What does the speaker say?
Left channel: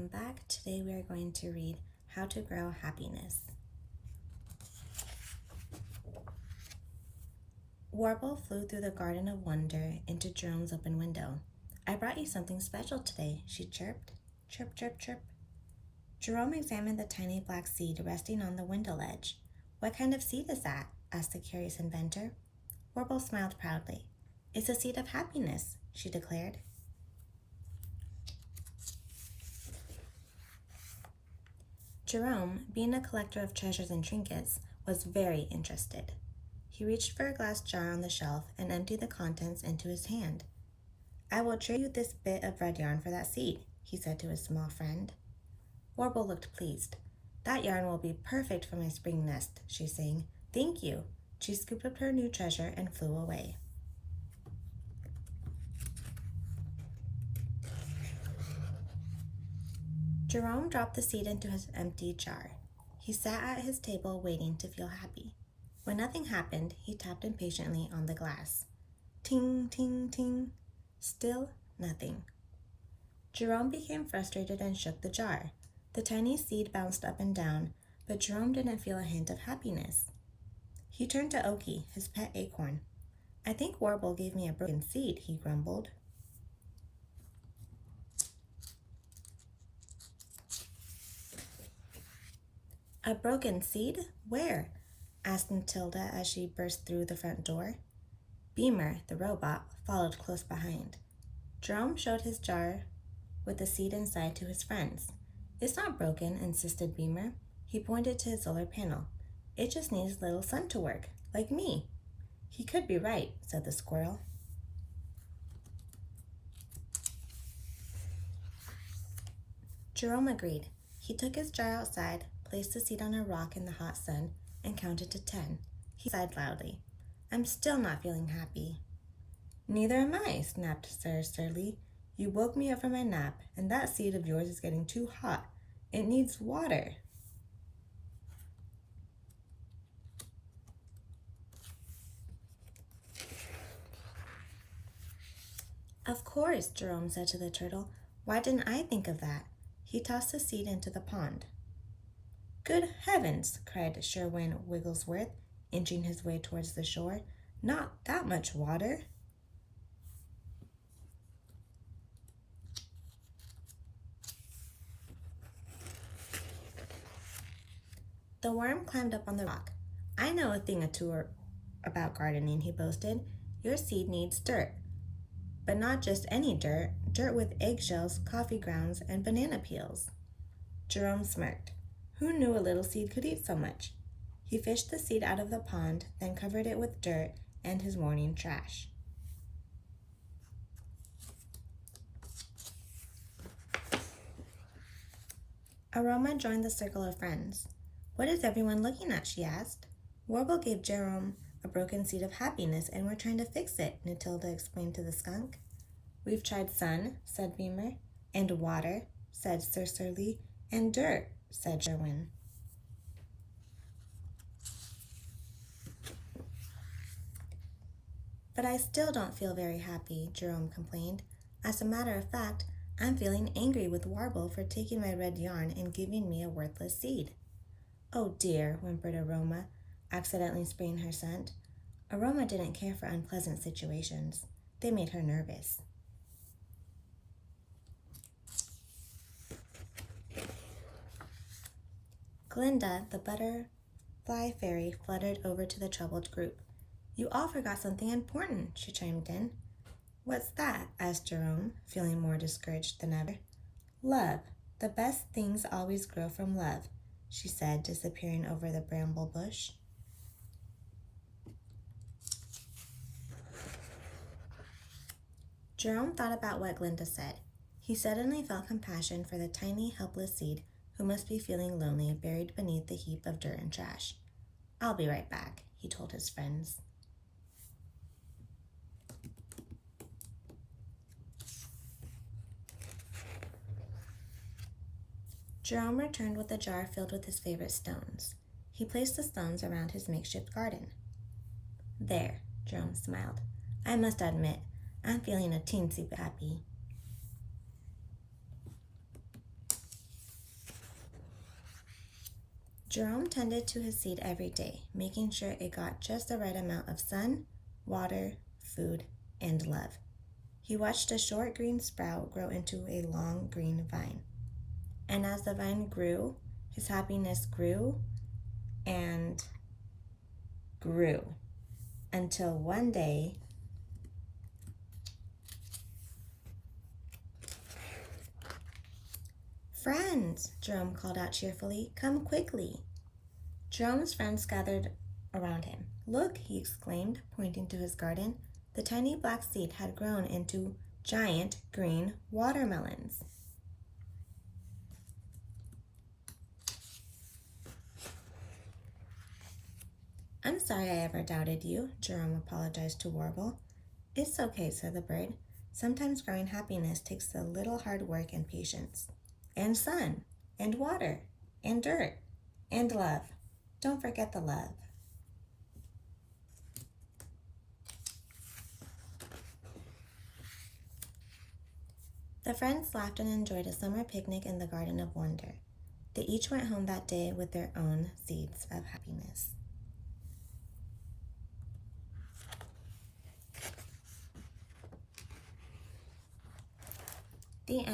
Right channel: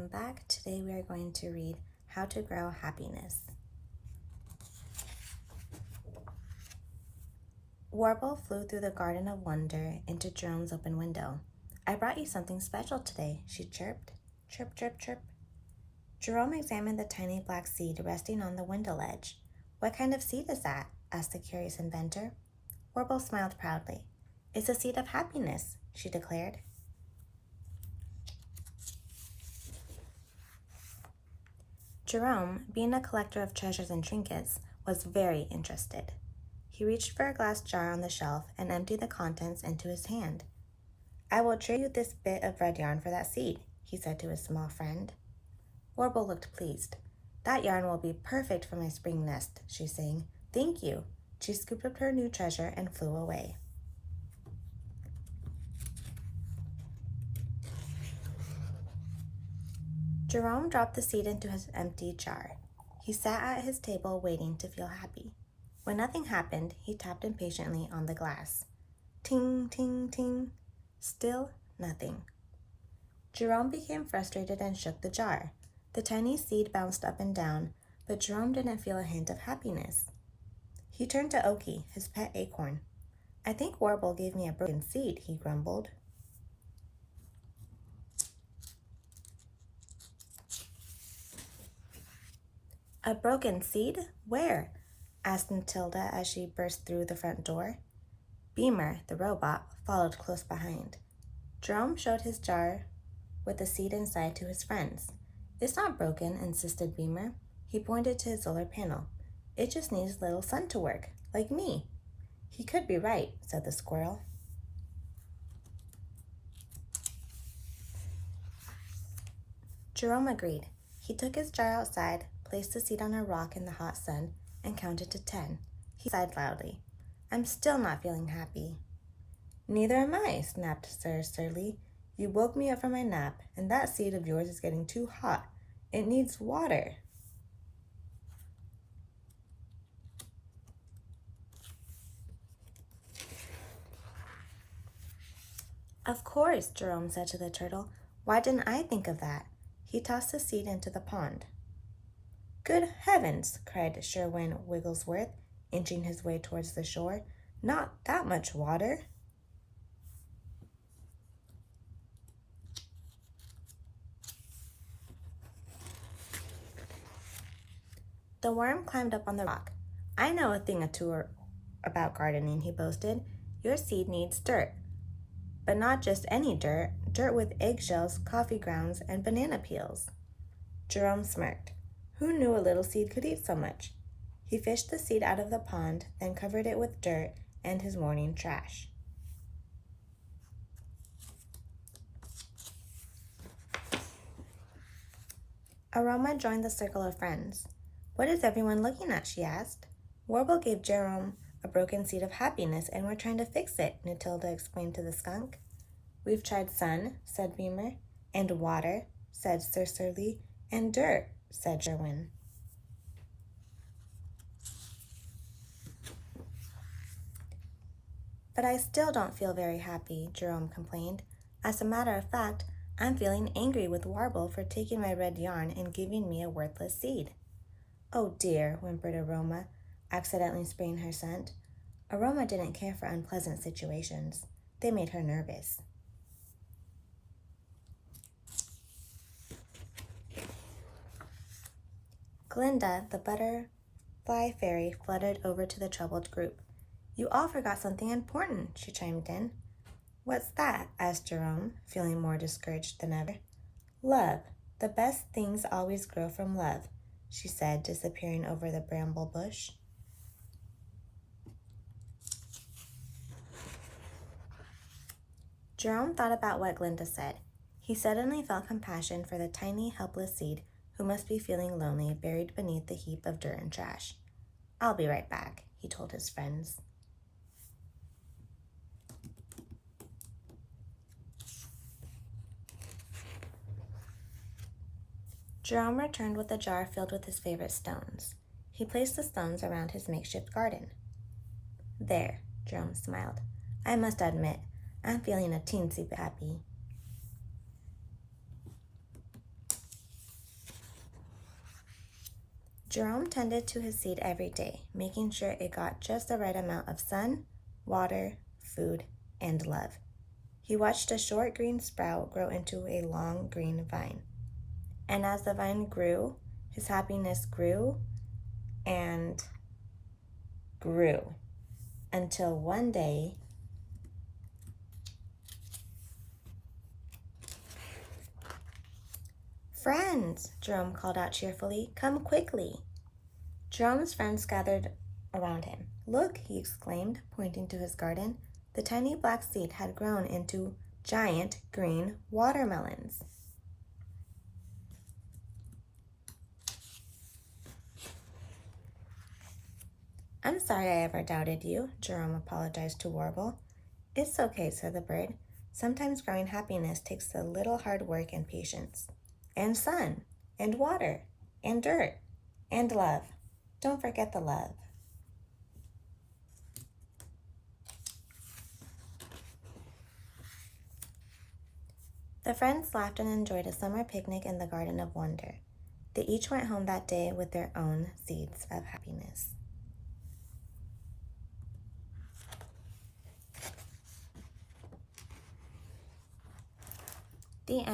welcome back. Today we are going to read How to Grow Happiness. Warble flew through the garden of wonder into Jerome's open window. I brought you something special today, she chirped. Chirp, chirp, chirp. Jerome examined the tiny black seed resting on the window ledge. What kind of seed is that? Asked the curious inventor. Warble smiled proudly. It's a seed of happiness, she declared. Jerome, being a collector of treasures and trinkets, was very interested. He reached for a glass jar on the shelf and emptied the contents into his hand. I will trade you this bit of red yarn for that seed, he said to his small friend. Warble looked pleased. That yarn will be perfect for my spring nest, she sang. Thank you. She scooped up her new treasure and flew away. Jerome dropped the seed into his empty jar. He sat at his table waiting to feel happy. When nothing happened, he tapped impatiently on the glass. Ting, ting, ting. Still nothing. Jerome became frustrated and shook the jar. The tiny seed bounced up and down, but Jerome didn't feel a hint of happiness. He turned to Oki, his pet acorn. I think Warble gave me a broken seed, he grumbled. A broken seed? Where? Asked Matilda as she burst through the front door. Beamer, the robot, followed close behind. Jerome showed his jar with the seed inside to his friends. It's not broken, insisted Beamer. He pointed to his solar panel. It just needs a little sun to work, like me. He could be right, said the squirrel. Jerome agreed. He took his jar outside, placed the seed on a rock in the hot sun, and counted to 10. He sighed loudly. I'm still not feeling happy. Neither am I, snapped Sir Surly. You woke me up from my nap, and that seed of yours is getting too hot. It needs water. Of course, Jerome said to the turtle. Why didn't I think of that? He tossed the seed into the pond. Good heavens, cried Sherwin Wigglesworth, inching his way towards the shore. Not that much water. The worm climbed up on the rock. I know a thing or two about gardening, he boasted. Your seed needs dirt. But not just any dirt, dirt with eggshells, coffee grounds, and banana peels. Jerome smirked. Who knew a little seed could eat so much? He fished the seed out of the pond, then covered it with dirt and his morning trash. Aroma joined the circle of friends. What is everyone looking at, she asked. Warble gave Jerome a broken seed of happiness, and we're trying to fix it, Matilda explained to the skunk. We've tried sun, said Beamer, and water, said Sir Surly, and dirt, said Sherwin. But I still don't feel very happy, Jerome complained. As a matter of fact, I'm feeling angry with Warble for taking my red yarn and giving me a worthless seed. Oh dear, whimpered Aroma, accidentally spraying her scent. Aroma didn't care for unpleasant situations. They made her nervous. Glinda, the butterfly fairy, fluttered over to the troubled group. You all forgot something important, she chimed in. What's that? Asked Jerome, feeling more discouraged than ever. Love. The best things always grow from love, she said, disappearing over the bramble bush. Jerome thought about what Glinda said. He suddenly felt compassion for the tiny, helpless seed who must be feeling lonely buried beneath the heap of dirt and trash. I'll be right back, he told his friends. Jerome returned with a jar filled with his favorite stones. He placed the stones around his makeshift garden. There, Jerome smiled. I must admit, I'm feeling a teensy bit happy. Jerome tended to his seed every day, making sure it got just the right amount of sun, water, food, and love. He watched a short green sprout grow into a long green vine. And as the vine grew, his happiness grew and grew until one day, "Friends," Jerome called out cheerfully, "come quickly." Jerome's friends gathered around him. "Look," he exclaimed, pointing to his garden. The tiny black seed had grown into giant green watermelons. "I'm sorry I ever doubted you," Jerome apologized to Warble. "It's okay," said the bird. "Sometimes growing happiness takes a little hard work and patience. And sun, and water, and dirt, and love. Don't forget the love." The friends laughed and enjoyed a summer picnic in the Garden of Wonder. They each went home that day with their own seeds of happiness.